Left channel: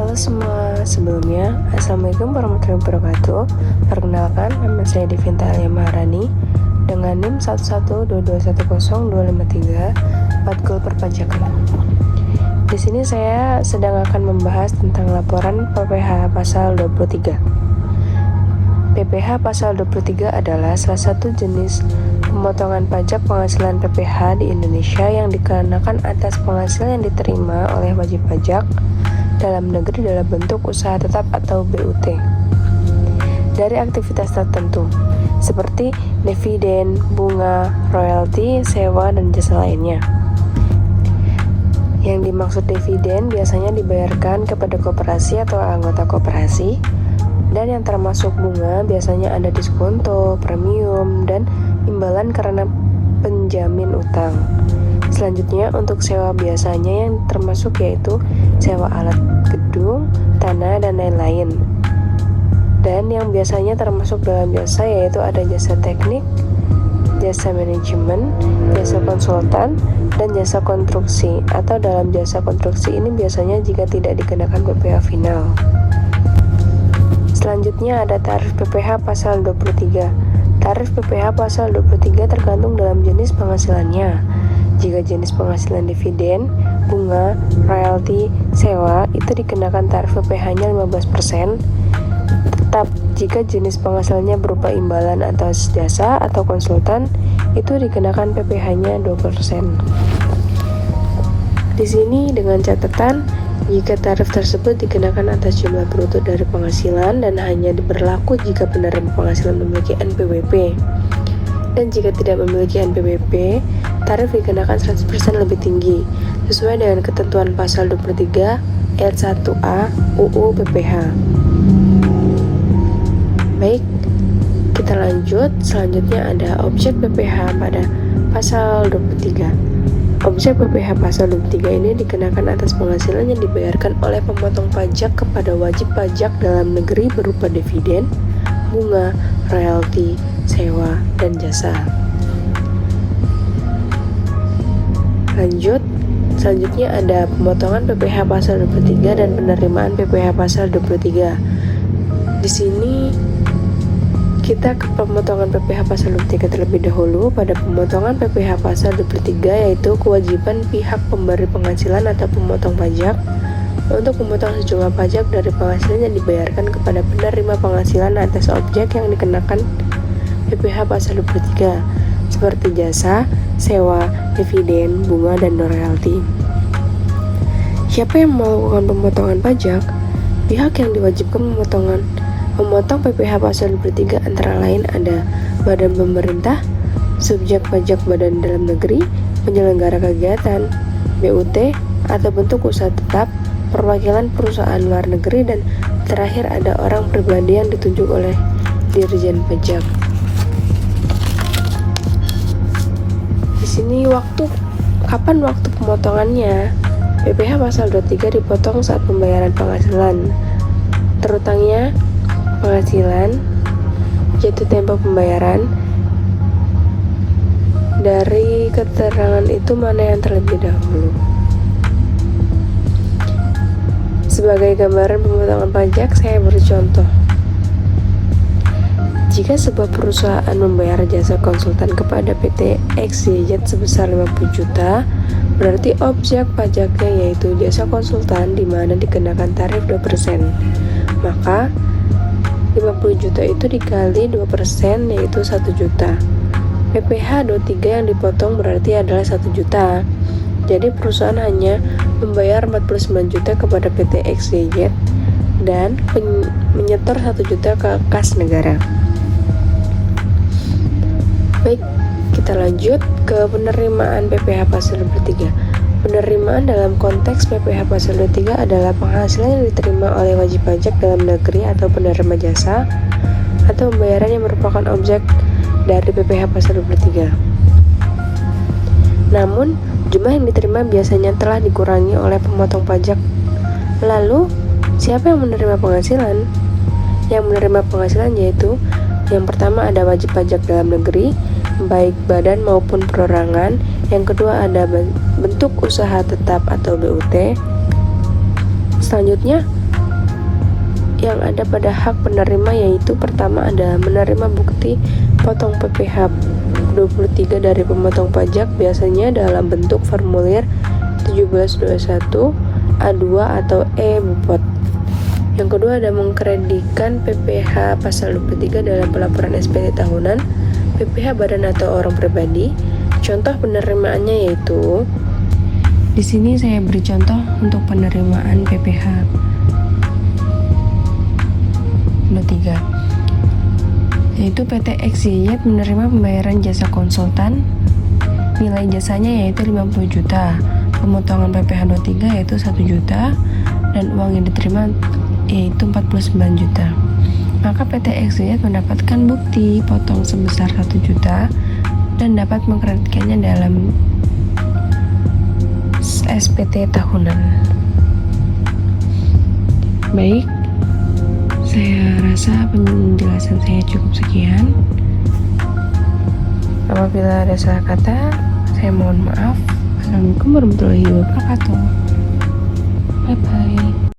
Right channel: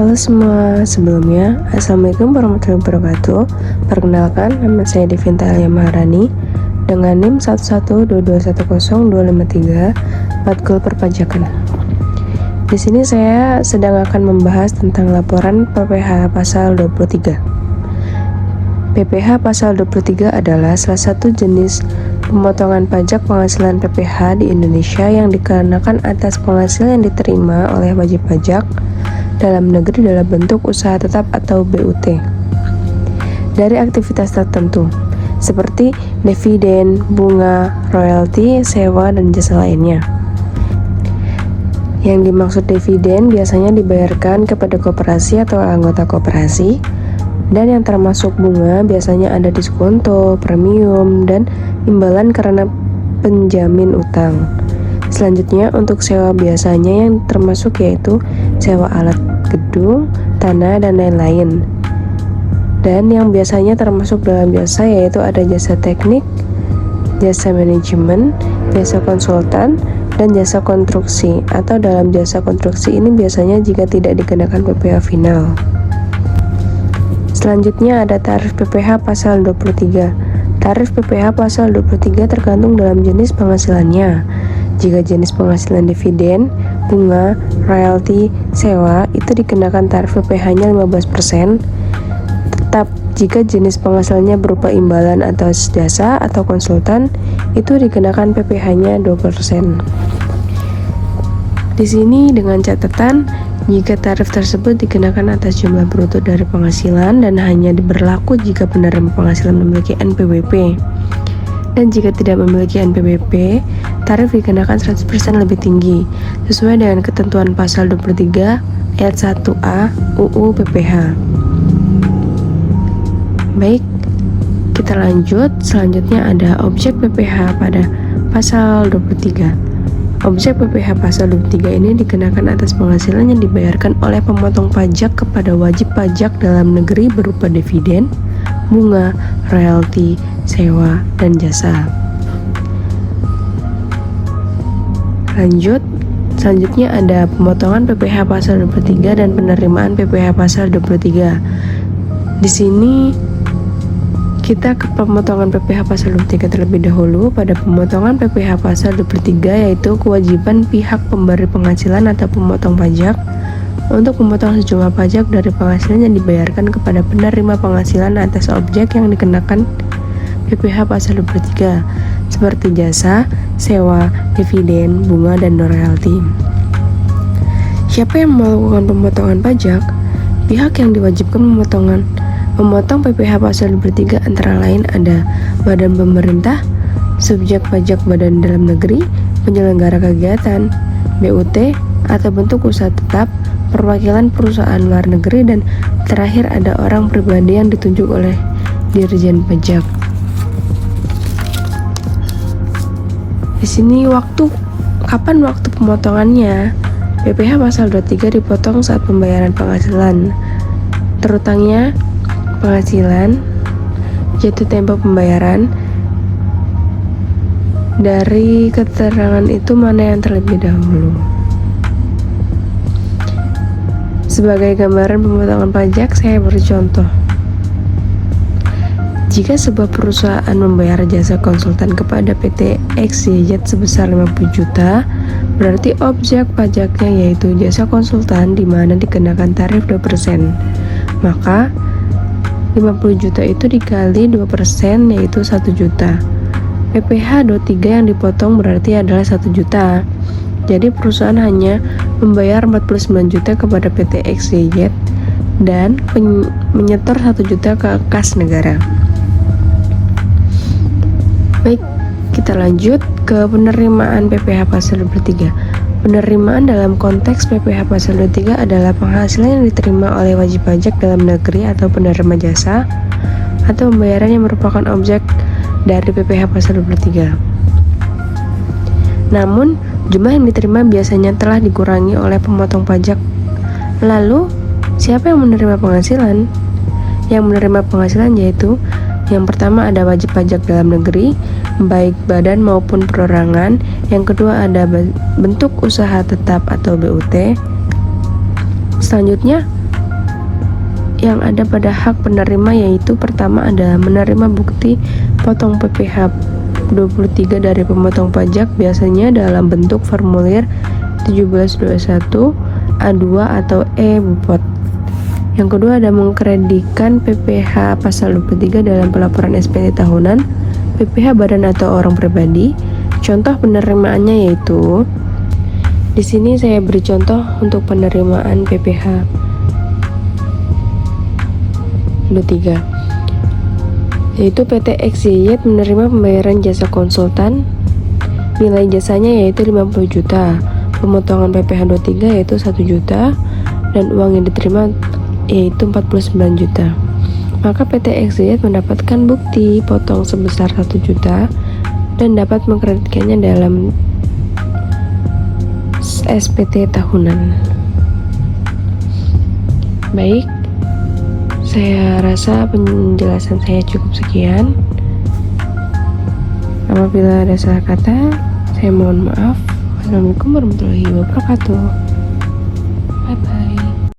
Halo semua, sebelumnya Assalamualaikum warahmatullahi wabarakatuh. Perkenalkan, nama saya Devinta Alia Maharani dengan NIM 112210253 matkul perpajakan. Di sini saya sedang akan membahas tentang laporan PPh pasal 23. PPh pasal 23 adalah salah satu jenis pemotongan pajak penghasilan PPh di Indonesia yang dikenakan atas penghasilan yang diterima oleh wajib pajak dalam negeri dalam bentuk usaha tetap atau BUT dari aktivitas tertentu seperti dividen, bunga, royalti, sewa, dan jasa lainnya. Yang dimaksud dividen biasanya dibayarkan kepada koperasi atau anggota koperasi, dan yang termasuk bunga biasanya ada diskonto, premium, dan imbalan karena penjamin utang. Selanjutnya untuk sewa biasanya yang termasuk yaitu sewa alat gedung, tanah, dan lain-lain. Dan yang biasanya termasuk dalam jasa yaitu ada jasa teknik, jasa manajemen, jasa konsultan, dan jasa konstruksi. Atau dalam jasa konstruksi ini biasanya jika tidak dikenakan PPh final. Selanjutnya ada tarif PPh pasal 23. Tarif PPh pasal 23 tergantung dalam jenis penghasilannya. Jika jenis penghasilan dividen, bunga, royalti, sewa itu dikenakan tarif PPh-nya 15%. Tetap jika jenis penghasilannya berupa imbalan atau jasa atau konsultan itu dikenakan PPh-nya 20%. Di sini dengan catatan jika tarif tersebut dikenakan atas jumlah bruto dari penghasilan dan hanya berlaku jika penerima penghasilan memiliki NPWP. Dan jika tidak memiliki NPWP, tarif dikenakan 100% lebih tinggi sesuai dengan ketentuan pasal 23 ayat 1A UU PPh. Baik, kita lanjut. Selanjutnya ada objek PPh pada pasal 23. Objek PPh pasal 23 ini dikenakan atas penghasilan yang dibayarkan oleh pemotong pajak kepada wajib pajak dalam negeri berupa dividen, bunga, royalti, sewa, dan jasa. Selanjutnya ada pemotongan PPh pasal 23 dan penerimaan PPh pasal 23. Di sini kita ke pemotongan PPh pasal 23 terlebih dahulu. Pada pemotongan PPh pasal 23 yaitu kewajiban pihak pemberi penghasilan atau pemotong pajak untuk memotong sejumlah pajak dari penghasilan yang dibayarkan kepada penerima penghasilan atas objek yang dikenakan PPh pasal 23 seperti jasa, sewa, dividen, bunga, dan royalti. Siapa yang melakukan pemotongan pajak? Pihak yang diwajibkan memotong PPh pasal 23 antara lain ada badan pemerintah, subjek pajak badan dalam negeri, penyelenggara kegiatan, BUT, atau bentuk usaha tetap, perwakilan perusahaan luar negeri, dan terakhir ada orang pribadi yang ditunjuk oleh Dirjen Pajak. Di sini kapan waktu pemotongannya? PPh pasal 23 dipotong saat pembayaran penghasilan. Terutangnya penghasilan, jatuh tempo pembayaran. Dari keterangan itu mana yang terlebih dahulu? Sebagai gambaran pemotongan pajak, saya beri contoh. Jika sebuah perusahaan membayar jasa konsultan kepada PT XYZ sebesar 50 juta, berarti objek pajaknya yaitu jasa konsultan di mana dikenakan tarif 2%. Maka 50 juta itu dikali 2% yaitu 1 juta. PPh 23 yang dipotong berarti adalah 1 juta. Jadi perusahaan hanya membayar 49 juta kepada PT XYZ dan menyetor 1 juta ke kas negara. Baik, kita lanjut ke penerimaan PPh pasal 23. Penerimaan dalam konteks PPh pasal 23 adalah penghasilan yang diterima oleh wajib pajak dalam negeri atau penerima jasa atau pembayaran yang merupakan objek dari PPh pasal 23. Namun, jumlah yang diterima biasanya telah dikurangi oleh pemotong pajak. Lalu, siapa yang menerima penghasilan? Yang menerima penghasilan yaitu yang pertama ada wajib pajak dalam negeri, baik badan maupun perorangan. Yang kedua ada bentuk usaha tetap atau BUT. Selanjutnya yang ada pada hak penerima, yaitu pertama adalah menerima bukti potong PPh 23 dari pemotong pajak, biasanya dalam bentuk formulir 1721 A2 atau E-Bupot. Yang kedua ada mengkreditkan PPh pasal 23 dalam pelaporan SPT tahunan, PPh badan atau orang pribadi. Contoh penerimaannya yaitu, di sini saya beri contoh untuk penerimaan PPh 23, yaitu PT XYZ menerima pembayaran jasa konsultan, nilai jasanya yaitu 50 juta, pemotongan PPh 23 yaitu 1 juta, dan uang yang diterima yaitu 49 juta. Maka PT XYZ mendapatkan bukti potong sebesar 1 juta dan dapat mengkreditkannya dalam SPT tahunan. Baik, saya rasa penjelasan saya cukup sekian. Apabila ada salah kata, saya mohon maaf. Assalamualaikum warahmatullahi wabarakatuh. Bye bye.